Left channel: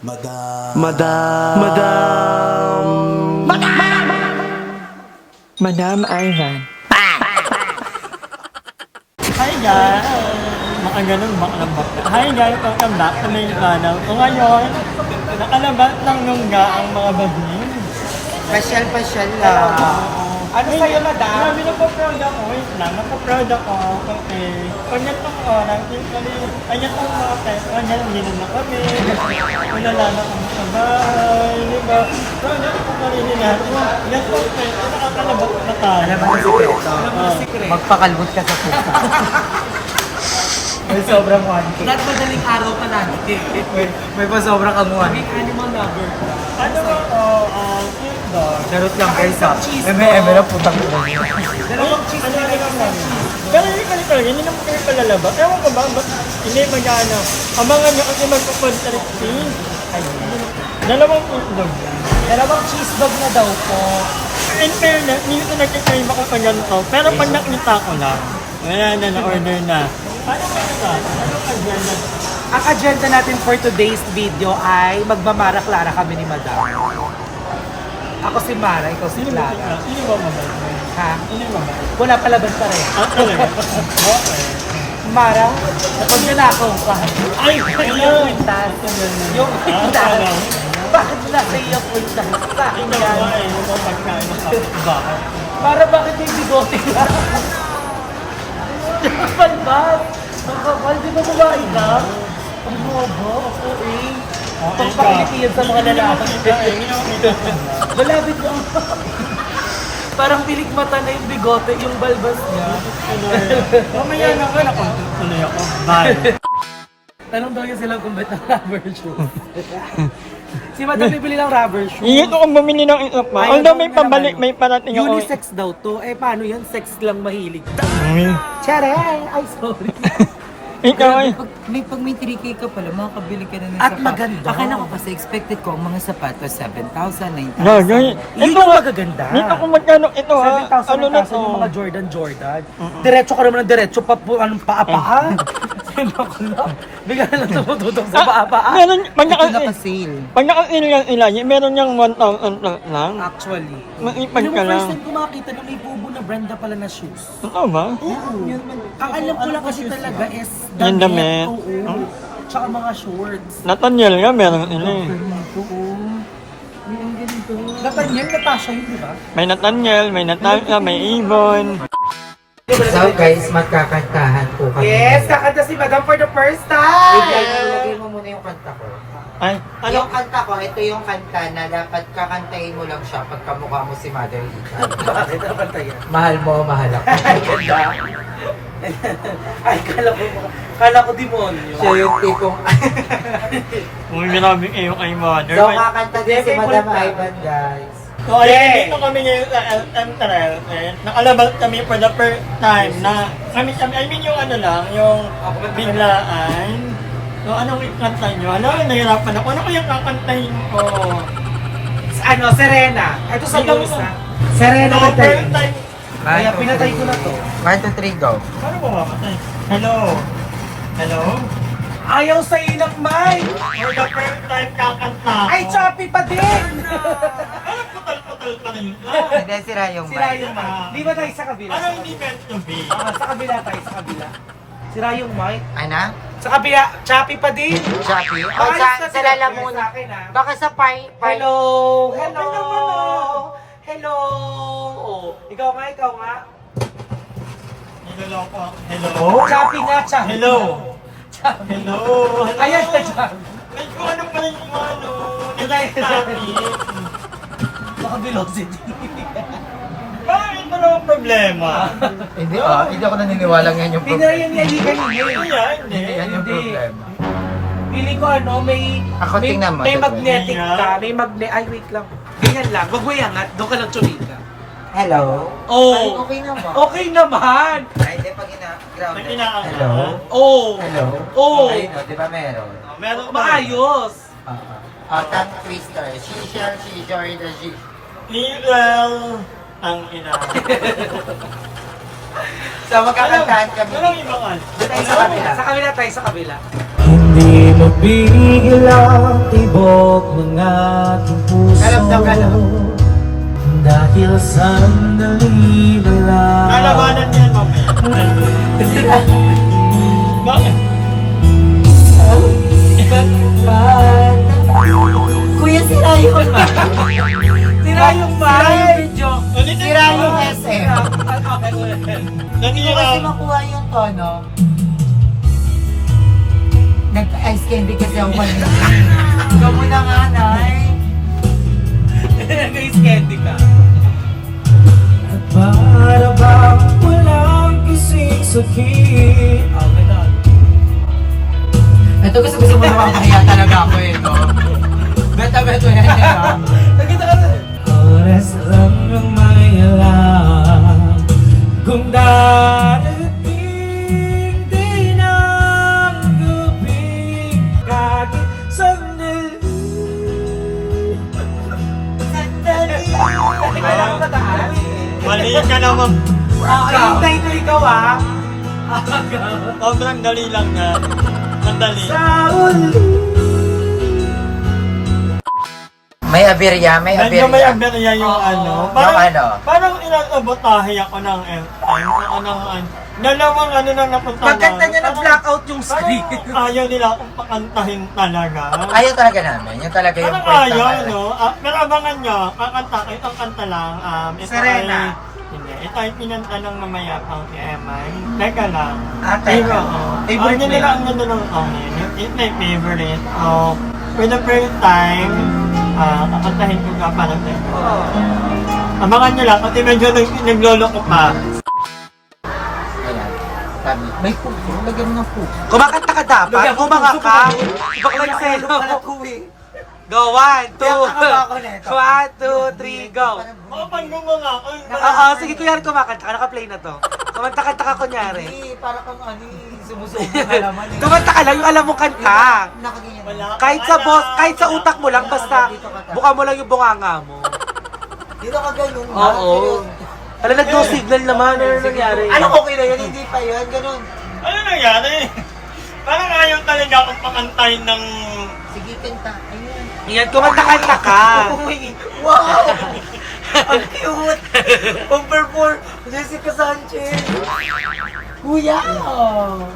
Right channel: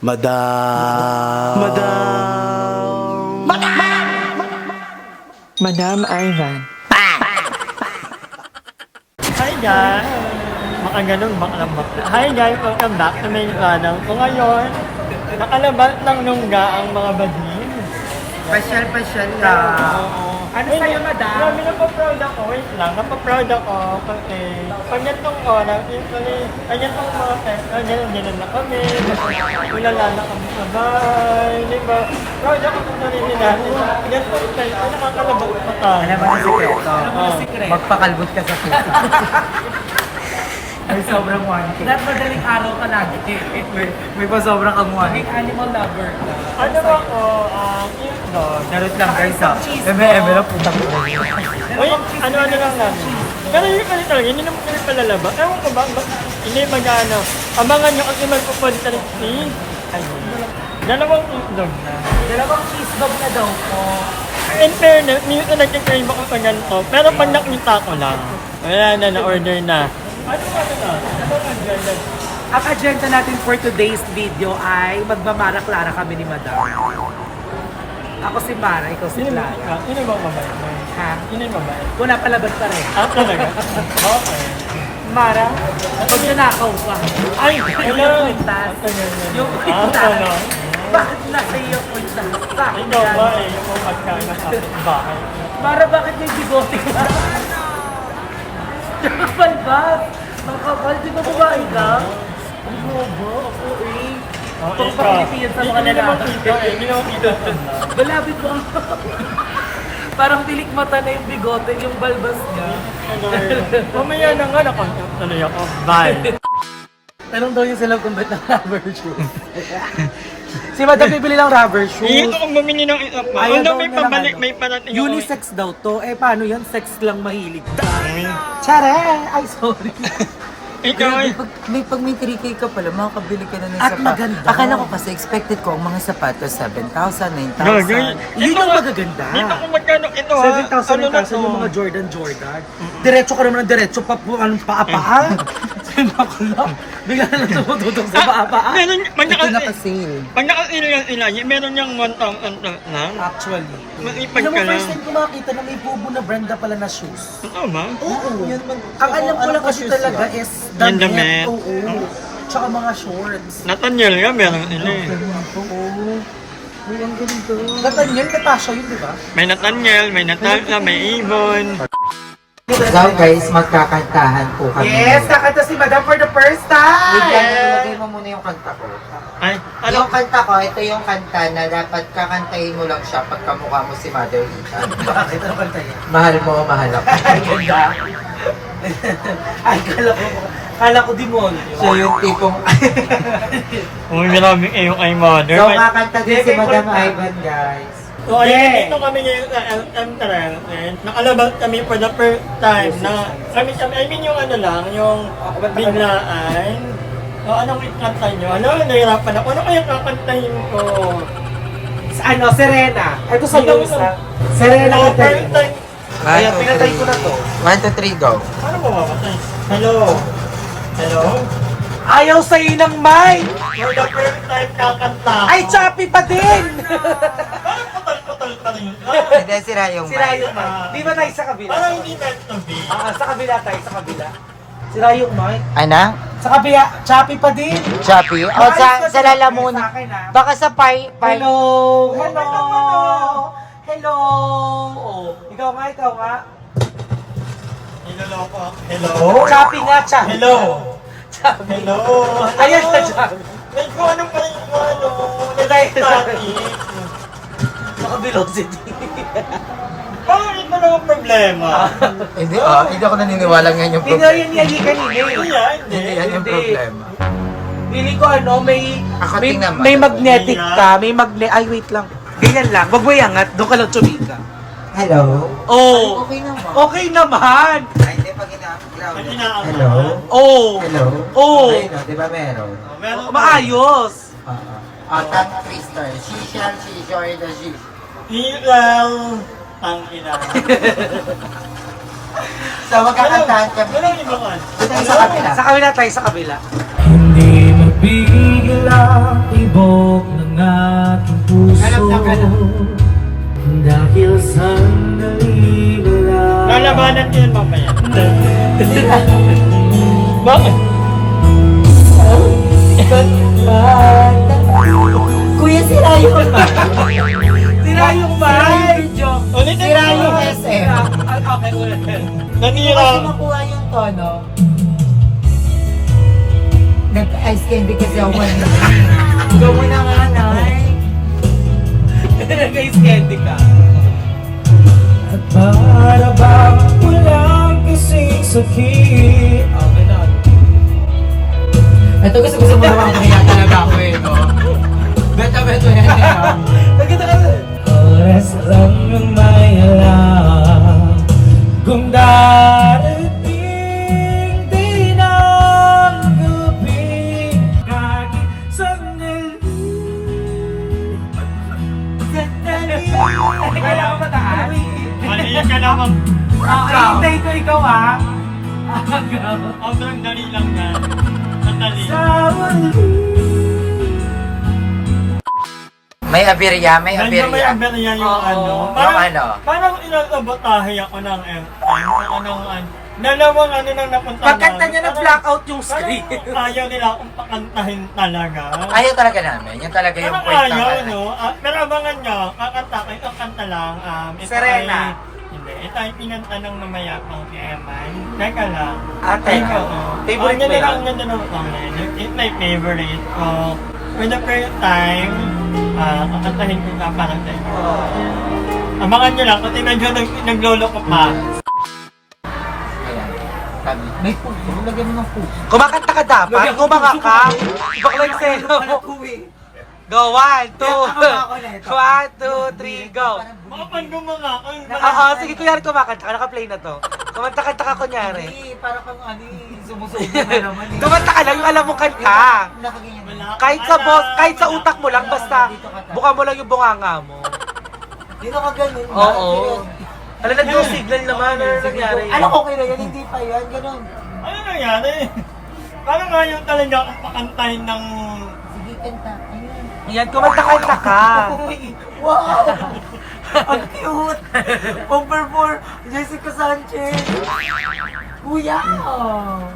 Madam. Madam Ivan. Hi guys! Mga ganun, makalambak na. Hi guys, welcome back to my channel. Kung ngayon, nakalabat ng nungga ang mga bading. Pasyal lang. Ano Wait, sa'yo, madam? Grabe, napaproud ako. Wait lang, napaproud ako. Kasi, pag ganitong oras, usually, ganitong mga ganyan na kami. Ulala na kami sa bahay, di ba? Proud ako kung narinig natin. Ganitong time, nakakalabat na tayo. Alam mo na sikreto? Magpakalbot ka sa pusa. May sobrang 1K. Not madaling araw ka lagi. May pa sobrang kang 1K. May animal lover ka. Ano ba ako, dog? Narot lang guys ha. Eme lang putang ko. Ano lang namin. Pero hindi kami talaga, hindi naman kami palalaba. Ewan ko ba, hindi mag-ano. Abangan nyo kasi magpupunta rin si... Ayun. Dalawang dog na. Dalawang cheese dog na daw po. In fairness, minsan nagkikrave ako sa ganito. Pero pag nakita ko lang, wala na, na-order na. Ano ba ito? Ano ang agenda? Ang agenda natin for today's video ay magmamara-klara kami ni Madam. Ako si Mara, ito si Sino ba? Clara. Sino ba mabait? Ha? Sino yung mabait? Wala palaban pa rin. Ah, talaga? Okay. Mara, pag ninakaw ka. Ay! Hello! Pintas. Yung pintas. Bakit nasa punta ka? Ikaw ba eh, yung mga pagkain ng kapitbahay. Mara, bakit may bigote ka? Balbat! Ang kapal, di ba babae ka? Ang bobo, ako eh. Itong pakilipiyan sa mga lalaki. Hindi naman kita sa Malapit mo ang parang pilik mata na yung bigote, yung balbas niya. Mamaya na nga, nakontuloy ako. Bye! Tanong daw yung sila kung ba't ng rubber shoes. Si Madam bibili ng rubber shoes. Iyon ako bumili ng isa pa. Ayaw Ang daw may niya pabalik, ng ano. may parating ako. Unisex daw to. Eh paano yan? Sex lang mahilig. Charan! Ay, sorry. Ikaw ay... Pag may 3K ka pala, makakabili ka na ng At sapat. maganda. Akala ko kasi expected ko ang mga sapatos 7,000, 9,000. Gagay. Yun Ito yung nga, magaganda. dito kung magkano ito ha. 7,000 Ano na to? yung mga Jordan. Diretso ka naman ng diretso, anong paa-paa. Sabi ko bigla na lang tumututong sa paa-paa. Meron, pag Ito naka-sale. naka-sale. Pag naka-sale yan ilan, meron niyang 1,000 plus lang. Actually. Maipag Alam mo, ka lang. first time ko makita na may bubo na branda pala na shoes. Oo ba? Oo. Ang alam ko lang kasi talaga is Yung damit. damit. Oo. Tsaka mga shorts. Nathaniel nga, meron ina eh. Oo. May ang ganito. Nathaniel, Natasha yun, di ba? May Nathaniel, may Natasha, may Ibon. Now guys, magkakantahan po kami. Yes, kakanta si Madam for the first Wait lang, time! ilagay mo muna yung kanta ko. Ay, ano? Yung kanta ko, ito yung kanta na dapat kakantahin mo lang siya pag kamukha mo si Mother Ethan. Bakit ang kanta yan? Mahal mo, mahal ako. Ay, kala ko demonyo. Siya yung tipong... Uy, maraming iyo kay mother. So, kakanta din si Madam Ivan, guys. So, ayun, dito kami ngayon sa LM Trail. Nakalabas kami for the first time na I mean yung ano lang, yung biglaan. So, anong kanta nyo? Alam, nahirapan ako. Ano kayang kakantahin ko? Ano, Serena. Ito sa Ikaw Lusa. na. Serena No, ka first time. 1, 2, 3, go. Ano ba mamatay? Hello? Hello? Ayaw sa'yo ng mic! For the first time kakanta ko. Ay, choppy pa din! Parang putal-putal pa rin. Hindi, sira yung Sira mic. yung mic. Di ba tayo sa kabila? Parang hindi meant to be. Sa kabila tayo, sa kabila. Sira yung mic. Ano? Sa kabila, choppy pa din! Choppy? O, sa lalamunan. Baka sa Hello! Hello! Hello! Oh, ikaw nga. Niloloko. Hello? Choppy nga, choppy. Hello? Hello? Ayan na choppy. May kung ano pa rin yung ano. Naka-velocity. Parang ito na ang problema. Hindi ako naniniwala ngayon yung Ikaw problema. yun yan, Hindi yan. Hindi yan yung problema. Pili ko may Ako, may, tingnan mo, may tingnan. magnetic ka, may ay wait lang. Ganyan lang, wag mo iangat, doon ka lang chumika. Hello? Oh, Okay naman. okay naman. Ay, hindi pa gina-ground. May inaangat. Hello? Oh, Hello? oh, Ayun, di ba meron? Meron ba? maayos. Tang twister. Shisha, or the shish. Ilaw. Ang ina. So, magkakantahan kami. Anong ibang ano? Doon tayo sa kabila. Sa kabila tayo, sa kabila. Hindi mabigil ang ibon Sira yung mic! Ulitin Sira mo. yung SM. Okay, ulit. Hindi ko kasi Nanira. makuha yung tono. Nag-ice candy kasi ako kanina. Ikaw mo na nga, Nay. Guys, candy ka. At para bang walang kasing sakit. Oh, ganon. Ito gusto mo naman kaya talaga ako eh. No? Beta-beto yan eh. Nagkita ka rin. Oras lang ang may alam kung darating din ang gabi kahit sandali. Mali ka naman. Hintay ko ikaw ah. Sobrang dali lang na. Sandali. Sa uli. May aberya, may Medyo may aberya. aberya yung ano. Yung ano? Parang inasabotahe ako ng dalawang ano na napunta Pagkanta niya na-blackout yung screen. Ayaw nila akong pakantahin talaga. Ayaw talaga namin. Yung talaga yung Parang point ayaw, na no? Pero abangan nyo, kakanta ko, itong kanta lang. Ito Serena. Ay, hindi, ito ay kinanta ng mamayapang EMI. Teka lang. Teka. Favorite mo nila yan? ang ganda ng song na yun. It's my favorite. So, with the first time, kakantahin ko ka parang sa'yo. Abangan nyo lang, kasi medyo naglolo ko pa. Ayan. May puso. Lagyan mo ng puso. Kumakanta ka dapat? Kumaka ka? Bakla yung seno. Go, 1, 2, 1, 2, 3, go. Makapandong mo nga. Oo, sige kunyari kumakanta ka, naka-play na to. Kumanta-kanta ka kunyari. Hindi, para kang ano sumusubo na naman eh. Kumanta ka lang yung alam mo kanta. Nakaganyan. Wala. Kahit sa boss, kahit sa utak mo lang, basta buka mo lang yung bunganga mo. Hindi nakaganon. Oo. Alam, nag-no signal naman, ano nangyari? Ano okay na yan? Hindi pa yan. Ganon. Ano nangyari? Parang ayaw talaga akong pakantahin ng... Sige, kanta. Ayun. Yan, kumanta-kanta ka. Wow! Ang cute! Pang-perform, Jessica Sanchez! Kuya!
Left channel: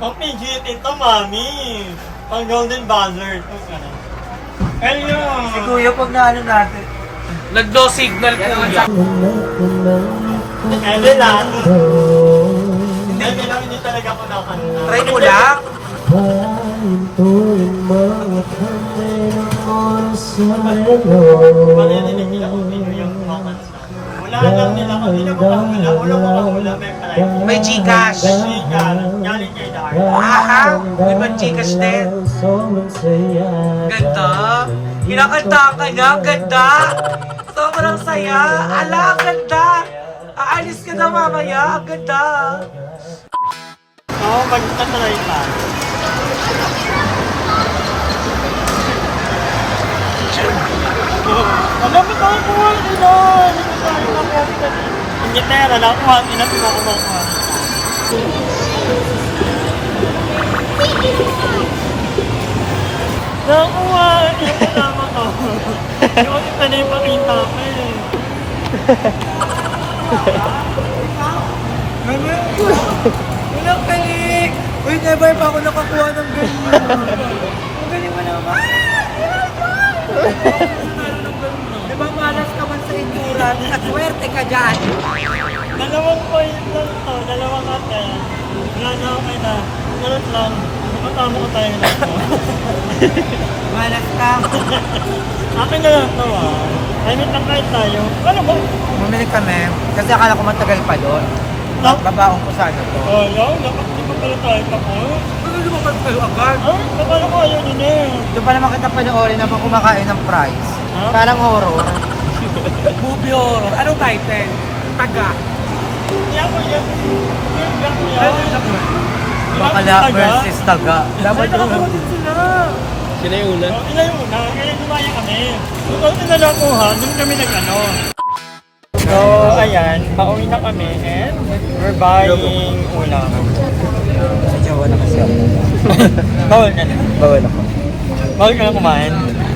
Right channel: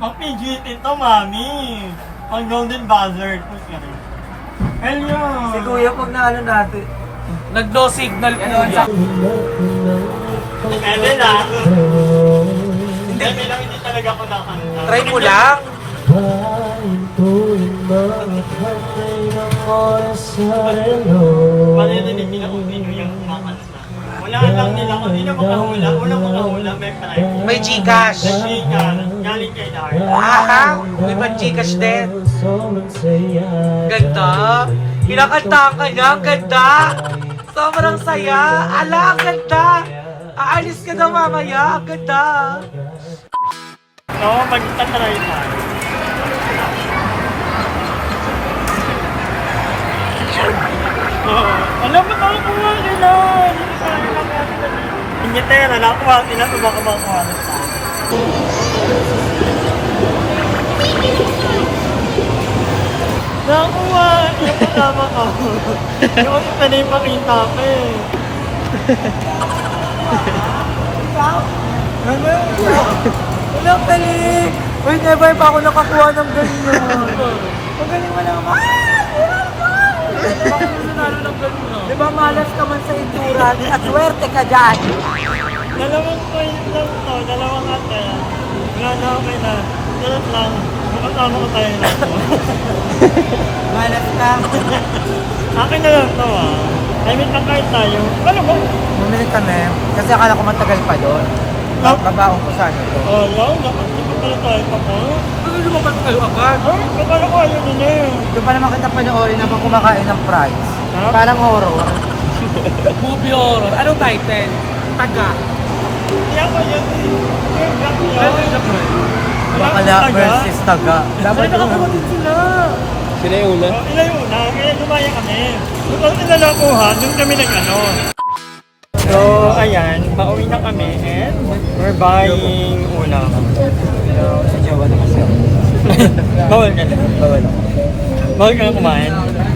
Ang PGT ito, mami. Ang Golden Buzzard. Ayun. Si Kuya pag naano natin. Nag-no signal kuya. Ede lang. Hindi talaga ako nakanta. Try mo lang. Maririnig nila kung sino yung kumakanta. Wala lang nila kung sino makahula. Ulo makahula, may prize. May Gcash. Chika, galing kay Darren. Aha, may pang Gcash din. Ganda. Kinakantahan ka niya, ganda. Sobrang saya. Ala, ang ganda. Aalis ka na mamaya, ang ganda. Oo, magtatry pa. Alam mo ba ang kuha nila? Hindi ko tayo nakuha nila. Ingitera, nakuha nila. Ito baka makuha nila. Nakuha! Yung kasama ko. Yung isa na yung pakita ko eh. Wala galing. Uy, never pa ako nakakuha ng ganyan. Ang galing mo naman. Di ba malas ka man sa endurance at swerte ka dyan? Dalawang point lang to, dalawang ate. Wala na okay na. Ganun lang. Makasama ko tayo na to. Malas ka. Akin na lang to I mean, pagkain tayo. Ano ba? Bumili kami. Kasi akala ko matagal pa doon. Babaong ko sa ano to. Oh, lang. Dapat di pa pala tayo pa po. Ano lumabas kayo agad? Ay, kapala ko ayaw nila eh. Doon pa naman kita panoorin habang kumakain ng fries. Huh? Parang horror. Movie horror. Anong title? Taga. Hindi ako yan. Bakala versus taga. Dapat nakakuha din sila. Sila yung una? Sila yung una. Kaya lumaya kami. Doon nila nakuha. Doon kami nag-ano. So, ayan. Pauwi na kami and we're buying ulam. Bawal ka na. Bawal ka na kumain.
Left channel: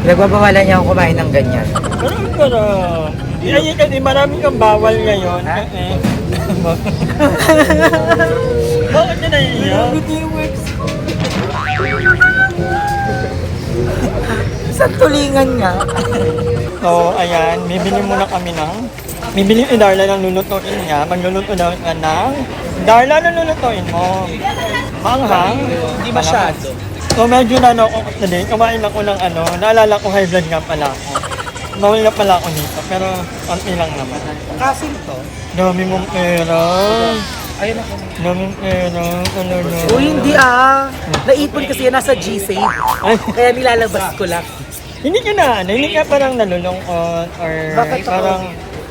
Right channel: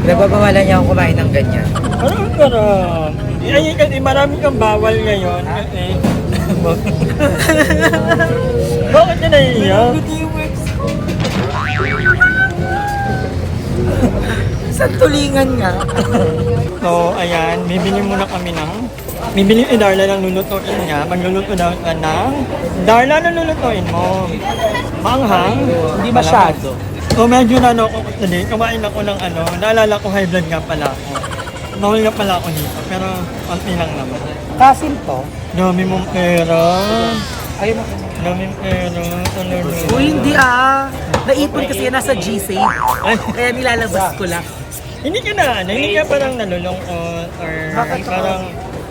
Nagbabawalan niya ako kumain ng ganyan. Pero, ay kasi marami kang bawal ngayon. Kasi, bakit ka naiiyak? Isang tulingan nga. So, ayan, bibili muna kami bibili yung Darla ng lulutuin niya. Magluluto daw ka ng Darla na lulutuin mo. Manghang. Hindi masyado. So, medyo na ako today. Kumain ako ng naalala ko high blood nga pala ako. Bawal nga pala ako dito, pero konti lang naman. Kasim to. Dami mong pera. Ayun ako. Dami mong pera. Uy, hindi Naipon kasi yan nasa G-Save. Kaya nilalabas ko lang. Hindi ka hindi ka parang nalulungkot or Bakit ako? parang,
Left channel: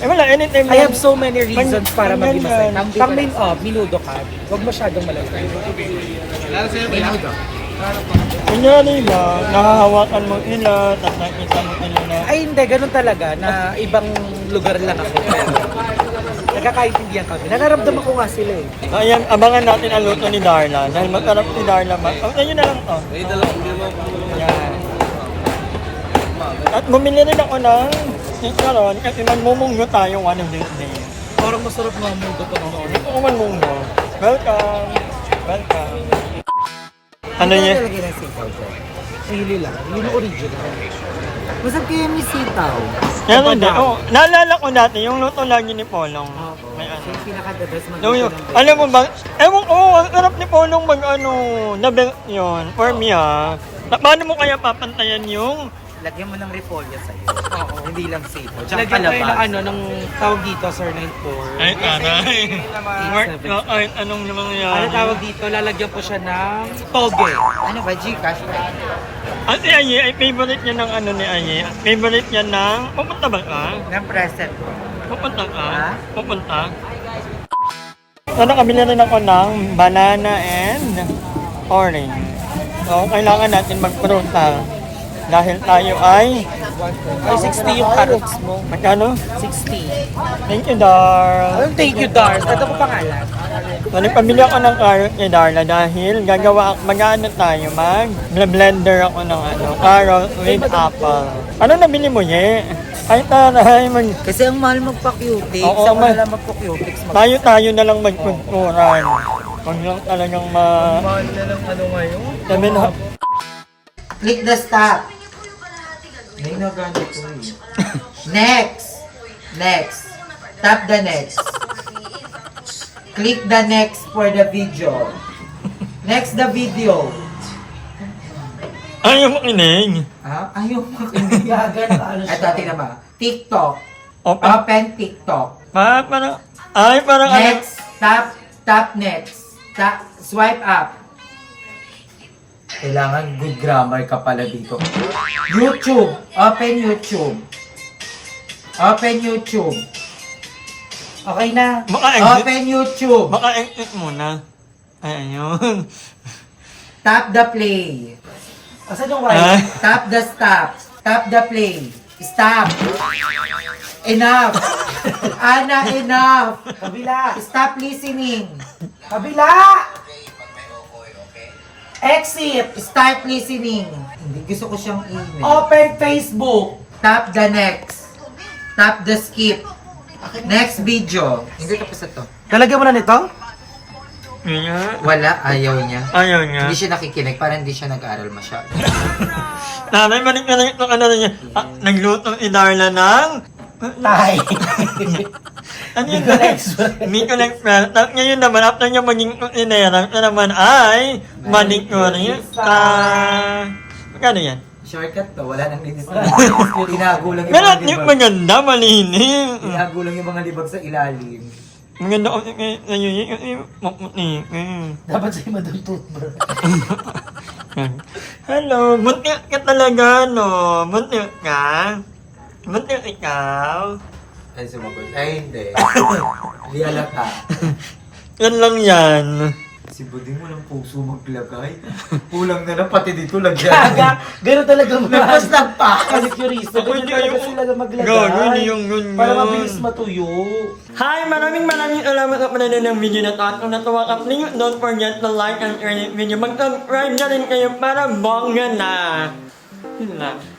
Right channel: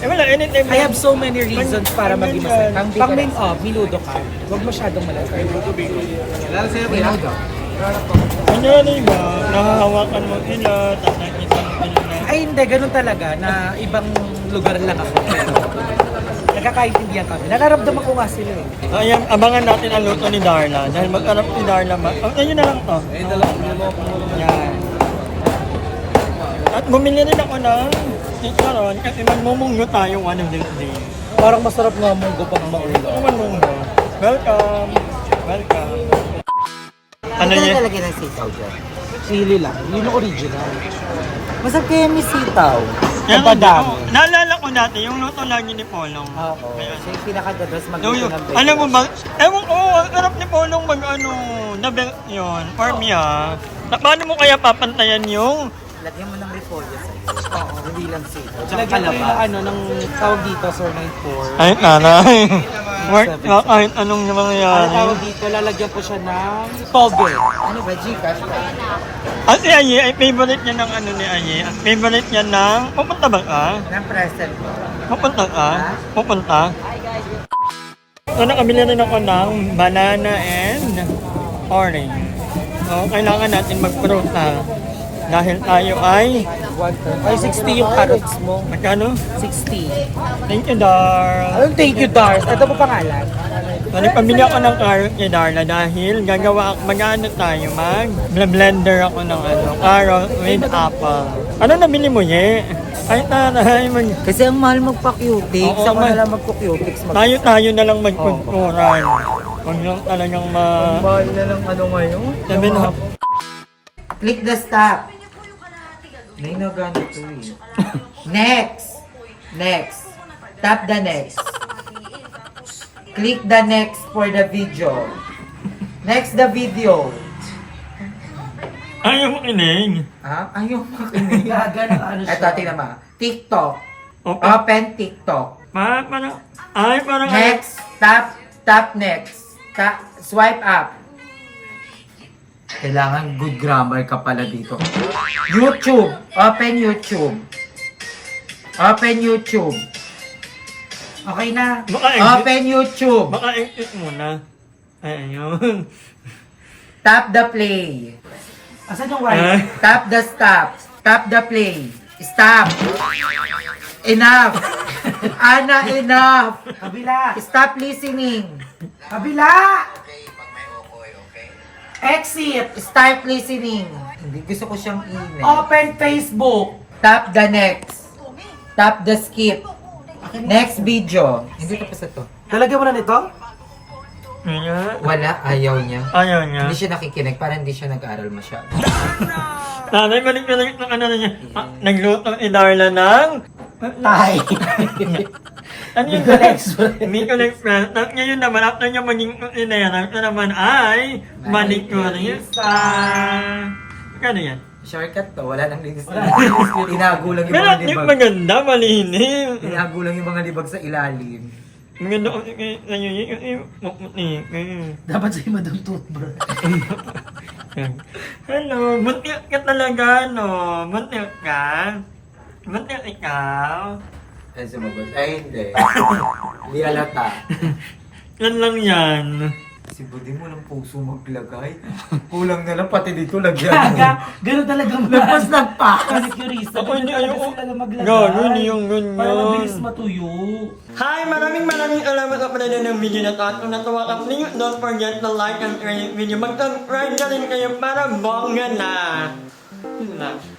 wala, anytime. I have so many reasons para maging masaya. Ganyan. Pang minudo ka. Huwag masyadong malaki. Minudo. Kunyari ba, nahahawakan mo ila, tapos nakita mo ila. Ay hindi, ganun talaga na ibang lugar lang ako. Pero nagkakaintindihan kami. Nararamdaman ko nga sila eh. So, ayan, abangan natin ang luto ni Darla. Dahil magkarap ni Darla, ayun na lang to. Yan. At bumili rin ako ng karon kasi magmumunggo tayo one of these days. Parang masarap na munggo pa naman. Gusto ko magmunggo. Welcome! Welcome! Ano yun? Talaga ng sitaw dyan? Chili lang. Yun yung original. Masarap kaya may sitaw. Yan hindi. Oh, naalala ko dati, yung luto lagi ni Polong. Oo. May ano. Yung pinakagados No, magluto yun. ng Alam mo ba, ewan ko, ang sarap ni Polong yun, for me paano mo kaya papantayan yung Lagyan mo ng repolyo sa'yo. Oo. Hindi lang sitaw. Tsaka Lagyan ko kalabas. yung ng tawag dito, Sir 94. ay, nanay. Work na kahit anong mangyayari. Ano tawag dito? Lalagyan ko siya ng toge. Ano ba? Gcash ba? At si Aye, ay favorite niya ng ni Aye. Favorite niya ng, pupunta ba ka? Ng present ko. Pupunta ka? Ha? Pupunta? So, nakabili rin ako ng banana and orange. So, kailangan natin magpruta. Dahil tayo ay, Ay, 60 yung carrots mo. magkano? 60. Thank you, Dar. Anong thank you, Dars? Ano ba pangalan? So, nagpamili ako ng carrot ni Darla dahil mag-ano tayo, blender ako ng carrot with apple. Ano nabili mo, Ye? Ay, taray, Kasi ang mahal magpa-cutics. Oo, Saan mahal. na lang magpa-cutics? tayo na lang magkunturan. Huwag lang talagang Mahal na lang ngayon. sabi na, Click the stop. May naganito eh. Next. Next. Tap the next. Click the next for the video. Next the video. ayaw mo kinig. Ayaw makinig. Gagan, ano siya? Ito, tingnan mo. TikTok. Open. Open TikTok. Parang, parang Next. Tap next. Swipe up. Kailangan good grammar ka pala dito. YouTube. Open YouTube. Open YouTube. Okay na. Baka exit, Open YouTube. baka exit muna. Ay, ayun. Tap the play. Asan yung Ah, white? Tap the stop. Tap the play. Stop. Enough. Ana, enough. Kabila. Stop listening. Kabila! Exit! Start listening. Hindi, gusto ko siyang email. Open Facebook! Tap the next. Tap the skip. Next video. Hindi tapos na to. Lalagyan mo na nito? yun nga. Wala, ayaw niya. Ayaw niya. Hindi siya nakikinig, parang hindi siya nag-aaral masyado. Nanay, balik na niya. Nagluto ni Darla ng... Ay! Ano yun na? Hindi ko nag-felt. Ngayon naman, after niya maging kusinera, ito naman ay manikurista. Magkano yan? Shortcut to, wala nang linis na. Tinago lang yung Pero mga yung libag. maganda, malinis. Tinago lang yung mga libag sa ilalim. Maganda ko ngayon yung maputi. Dapat sa'yo madong toothbrush. Hello, bunti ka talaga, no? Bunti ka? Bunti ikaw? Ay, sumagot. Ay, hindi. Lialata. Yan lang yan. Si Buding mo ng puso maglagay. Kulang na lang, pati dito lagyan. Gaga! Ganun talaga mo. Nagpas nagpa. Kasi curista. Ako hindi Ganun talaga ayoko. sila na maglagay. Gawin yung ganyan. Para mabilis matuyo. Hi! Maraming salamat sa panonood ng video na to. At kung natuwa ka, please don't forget to like and share this video. Mag-subscribe na rin kayo para bongga na. Yun lang.